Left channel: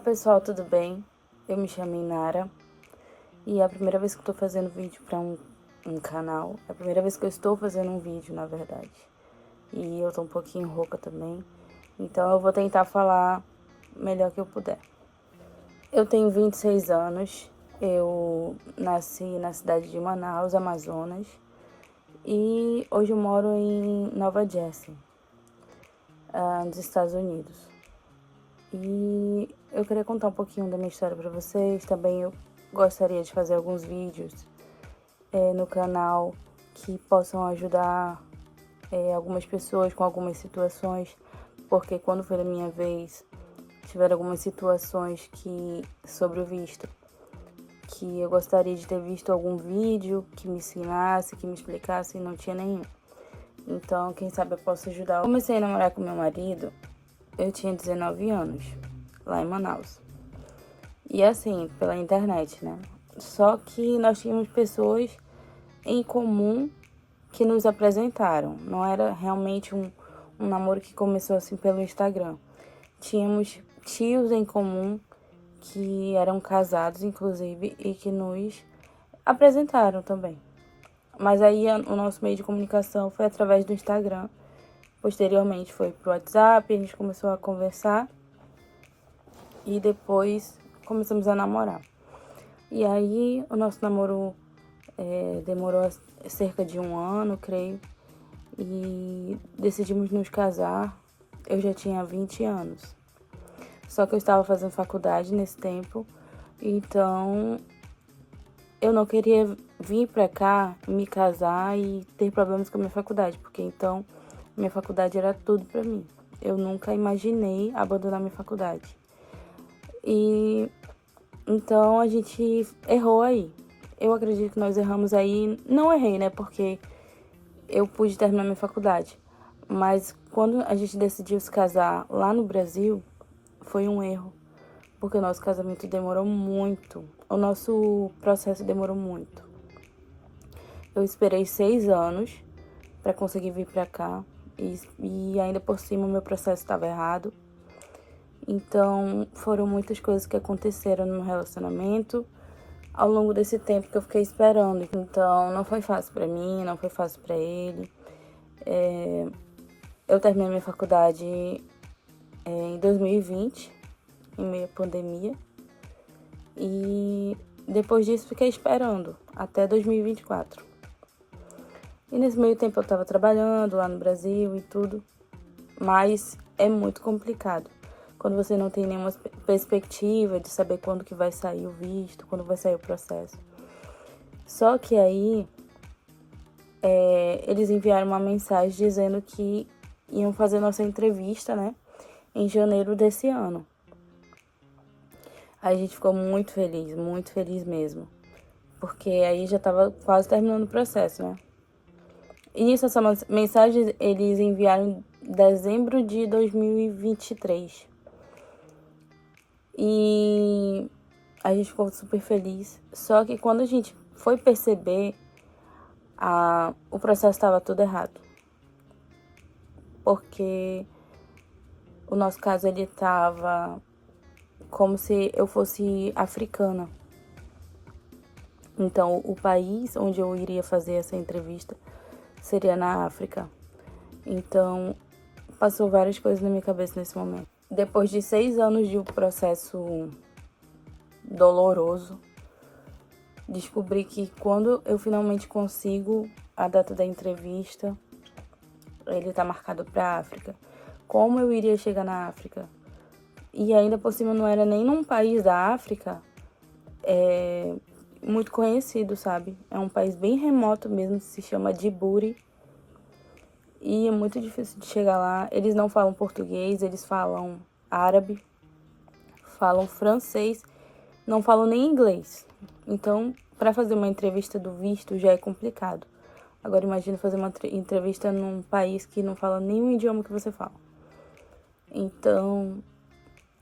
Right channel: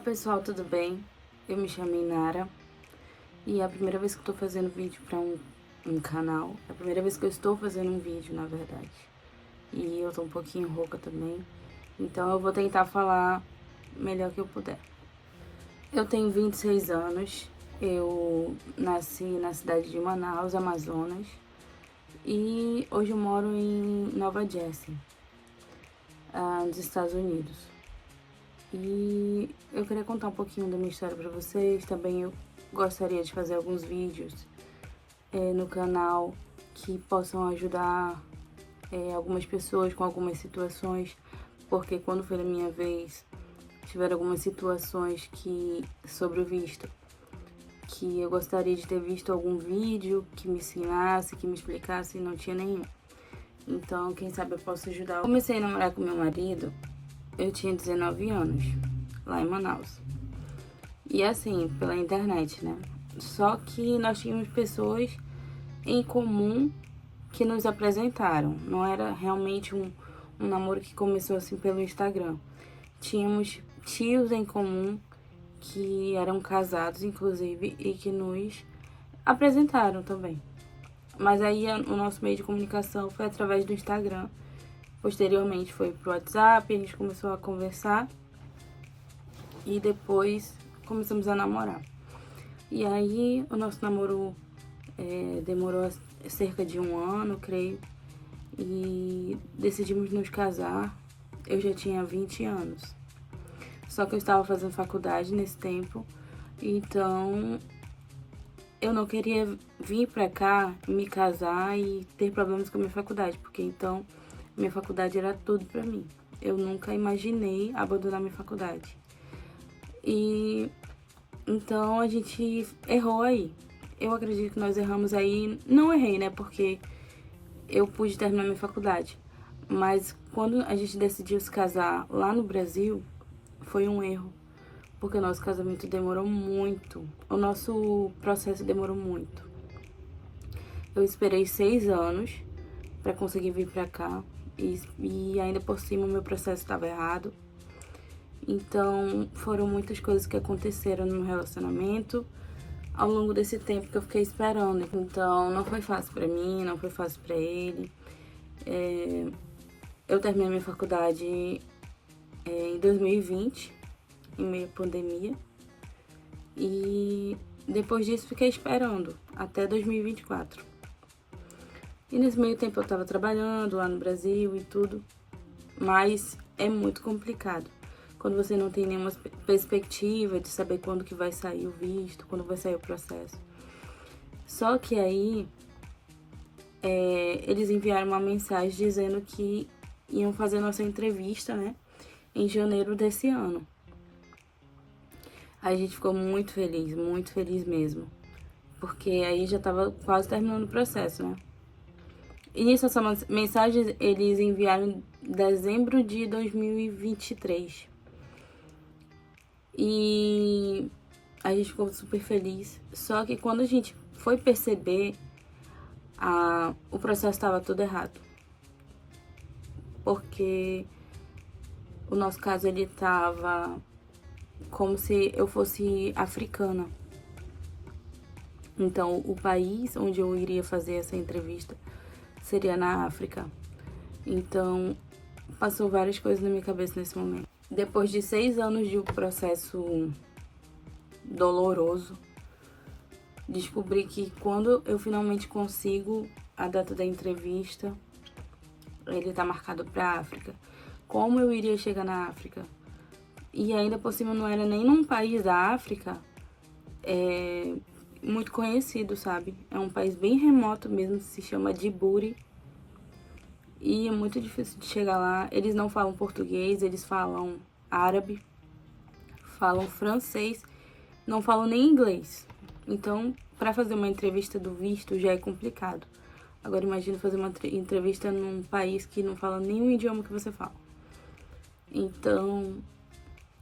pessoal, tudo bem? Eu me chamo Inara e é a primeira vez que eu tô fazendo vídeo para um canal. É a primeira vez que eu estou fazendo um vídeo, na verdade. E eu tô um pouquinho rouca também, então eu vou tentar falar melhor que eu puder. Eu tenho 26 anos, eu nasci na cidade de Manaus, Amazonas, e hoje eu moro em Nova Jersey, nos Estados Unidos. E eu queria contar um pouquinho da minha história pra vocês. Também eu gostaria de fazer alguns vídeos no canal que possam ajudar algumas pessoas com algumas situações, porque quando foi a minha vez, tiveram algumas situações sobre o visto, que eu gostaria de ter visto algum vídeo que me ensinasse, que me explicasse, e não tinha nenhum. Então, quem sabe eu posso ajudar. Eu comecei a namorar com meu marido, eu tinha 19 anos, lá em Manaus. E assim, pela internet, né? Só que nós tínhamos pessoas em comum que nos apresentaram. Não era realmente um namoro que começou assim pelo Instagram. Tínhamos tios em comum que eram casados, inclusive, e que nos apresentaram também. Mas aí o nosso meio de comunicação foi através do Instagram. Posteriormente foi pro WhatsApp, a gente começou a conversar e depois começamos a namorar. E aí o nosso namoro demorou cerca de 1 ano, creio, e decidimos nos casar. Eu já tinha 20 anos. Só que eu estava fazendo faculdade nesse tempo, então eu não queria vir pra cá, me casar e ter problemas com a minha faculdade, porque então minha faculdade era tudo pra mim. Eu nunca imaginei abandonar minha faculdade. E então a gente errou aí. Eu acredito que nós erramos aí. Não errei, né? Porque eu pude terminar minha faculdade. Mas quando a gente decidiu se casar lá no Brasil, foi um erro. Porque o nosso casamento demorou muito. O nosso processo demorou muito. Eu esperei 6 anos para conseguir vir pra cá. E ainda por cima o meu processo estava errado. Então foram muitas coisas que aconteceram no meu relacionamento ao longo desse tempo que eu fiquei esperando. Então não foi fácil pra mim, não foi fácil pra ele. Eu terminei minha faculdade em 2020, em meio à pandemia. E depois disso fiquei esperando até 2024. E nesse meio tempo eu tava trabalhando lá no Brasil e tudo. Mas é muito complicado quando você não tem nenhuma perspectiva de saber quando que vai sair o visto, quando vai sair o processo. Só que aí eles enviaram uma mensagem dizendo que iam fazer nossa entrevista, né, em janeiro desse ano. Aí a gente ficou muito feliz mesmo, porque aí já tava quase terminando o processo, né. E nisso, essa mensagem eles enviaram em dezembro de 2023. E a gente ficou super feliz. Só que quando a gente foi perceber, o processo estava tudo errado. Porque o nosso caso, ele estava como se eu fosse africana. Então, o país onde eu iria fazer essa entrevista seria na África. Então, passou várias coisas na minha cabeça nesse momento. Depois de 6 anos de um processo doloroso, descobri que quando eu finalmente consigo a data da entrevista, ele tá marcado pra África. Como eu iria chegar na África? E ainda por cima não era nem num país da África muito conhecido, sabe? É um país bem remoto mesmo, se chama Djibouti. E é muito difícil de chegar lá. Eles não falam português, eles falam árabe, falam francês, não falam nem inglês. Então, para fazer uma entrevista do visto já é complicado. Agora imagina fazer uma entrevista num país que não fala nenhum idioma que você fala. Então,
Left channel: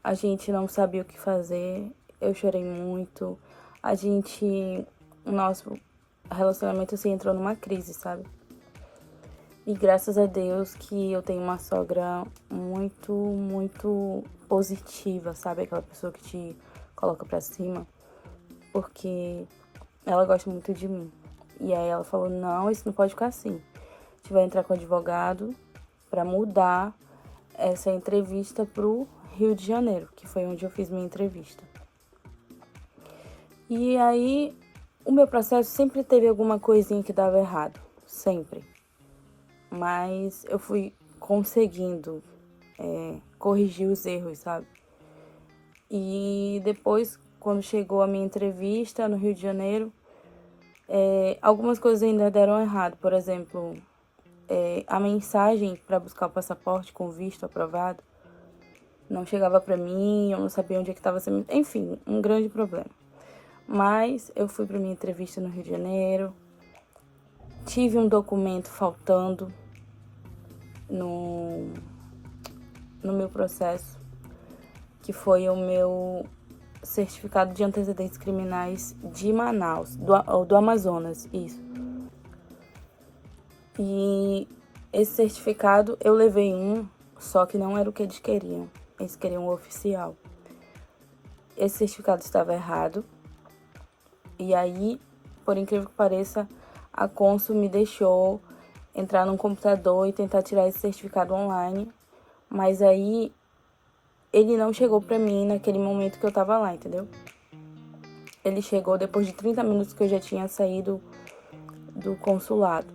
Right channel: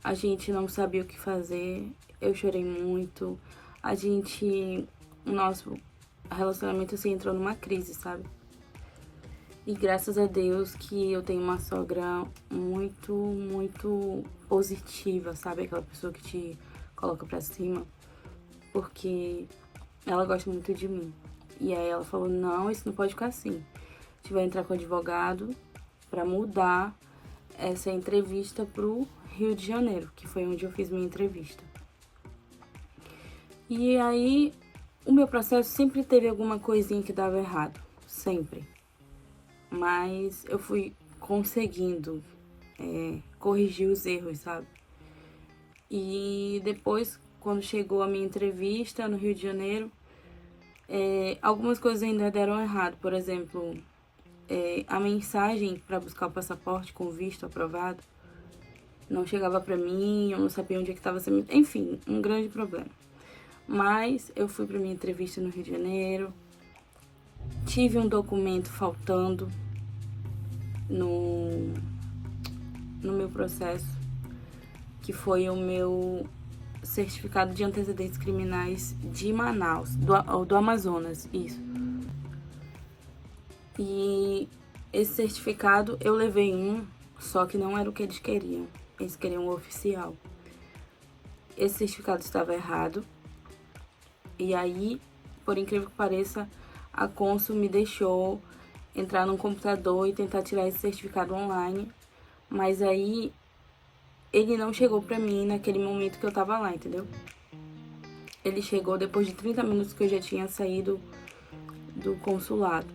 a gente não sabia o que fazer. Eu chorei muito. O nosso relacionamento assim entrou numa crise, sabe? E graças a Deus que eu tenho uma sogra muito, muito positiva, sabe? Aquela pessoa que te coloca pra cima, porque ela gosta muito de mim. E aí ela falou, não, isso não pode ficar assim. A gente vai entrar com o advogado pra mudar essa entrevista pro Rio de Janeiro, que foi onde eu fiz minha entrevista. E aí, o meu processo sempre teve alguma coisinha que dava errado, sempre. Mas eu fui conseguindo corrigir os erros, sabe? E depois, quando chegou a minha entrevista no Rio de Janeiro, algumas coisas ainda deram errado. Por exemplo, a mensagem para buscar o passaporte com visto aprovado não chegava para mim, eu não sabia onde é que estava sendo. Enfim, um grande problema. Mas eu fui para minha entrevista no Rio de Janeiro, tive um documento faltando no meu processo, que foi o meu certificado de antecedentes criminais de Manaus, do Amazonas, isso. E esse certificado eu levei só que não era o que eles queriam. Eles queriam o oficial. Esse certificado estava errado. E aí, por incrível que pareça, a cônsul me deixou entrar num computador e tentar tirar esse certificado online. Mas aí, ele não chegou pra mim naquele momento que eu tava lá, entendeu? Ele chegou depois de 30 minutos que eu já tinha saído do consulado.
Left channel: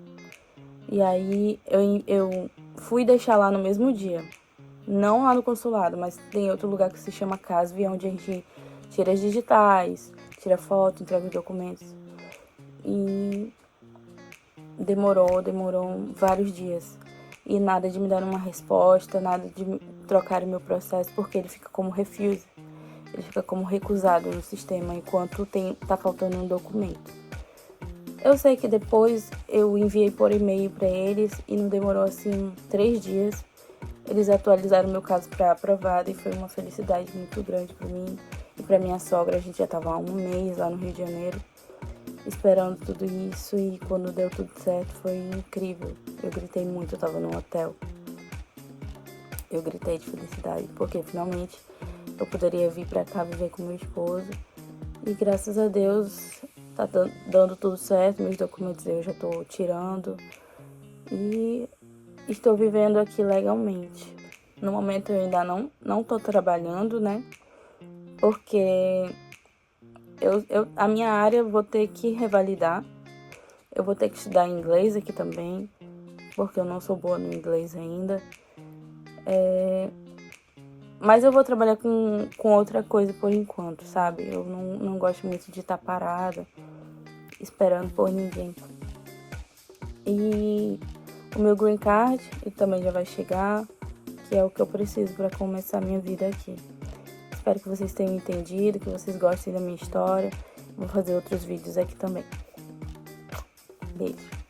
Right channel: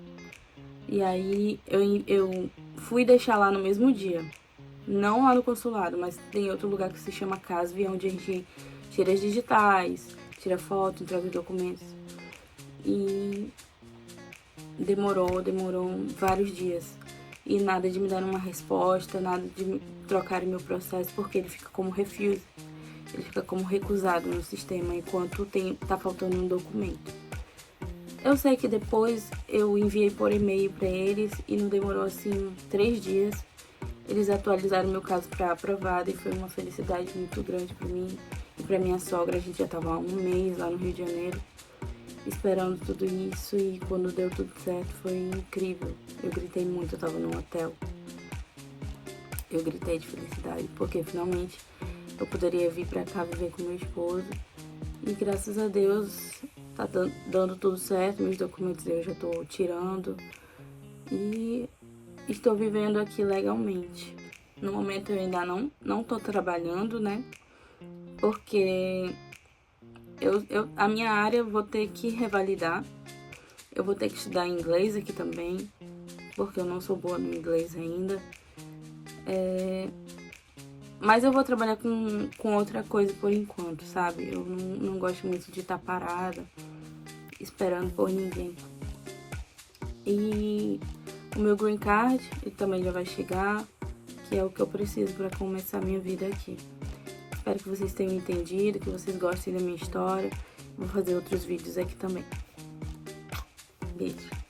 E aí, eu fui deixar lá no mesmo dia. Não lá no consulado, mas tem outro lugar que se chama CASV, onde a gente tira as digitais, tira foto, entrega os documentos. E demorou vários dias. E nada de me dar uma resposta, nada de trocar meu processo, porque ele fica como refuse. Ele fica como recusado no sistema, enquanto tá faltando um documento. Eu sei que depois eu enviei por e-mail para eles e não demorou assim 3 dias. Eles atualizaram meu caso para aprovado e foi uma felicidade muito grande para mim e para minha sogra. A gente já estava há um mês lá no Rio de Janeiro esperando tudo isso e quando deu tudo certo foi incrível. Eu gritei muito, eu estava num hotel. Eu gritei de felicidade porque finalmente eu poderia vir para cá viver com meu esposo e graças a Deus tá dando tudo certo. Meus documentos eu já estou tirando e estou vivendo aqui legalmente. No momento eu ainda não tô trabalhando, né? Porque a minha área eu vou ter que revalidar. Eu vou ter que estudar inglês aqui também, porque eu não sou boa no inglês ainda. Mas eu vou trabalhar com outra coisa por enquanto, sabe? Eu não gosto muito de estar parada, esperando por ninguém. E o meu green card também já vai chegar, que é o que eu preciso para começar a minha vida aqui. Espero que vocês tenham entendido, que vocês gostem da minha história. Vou fazer outros vídeos aqui também. Beijo.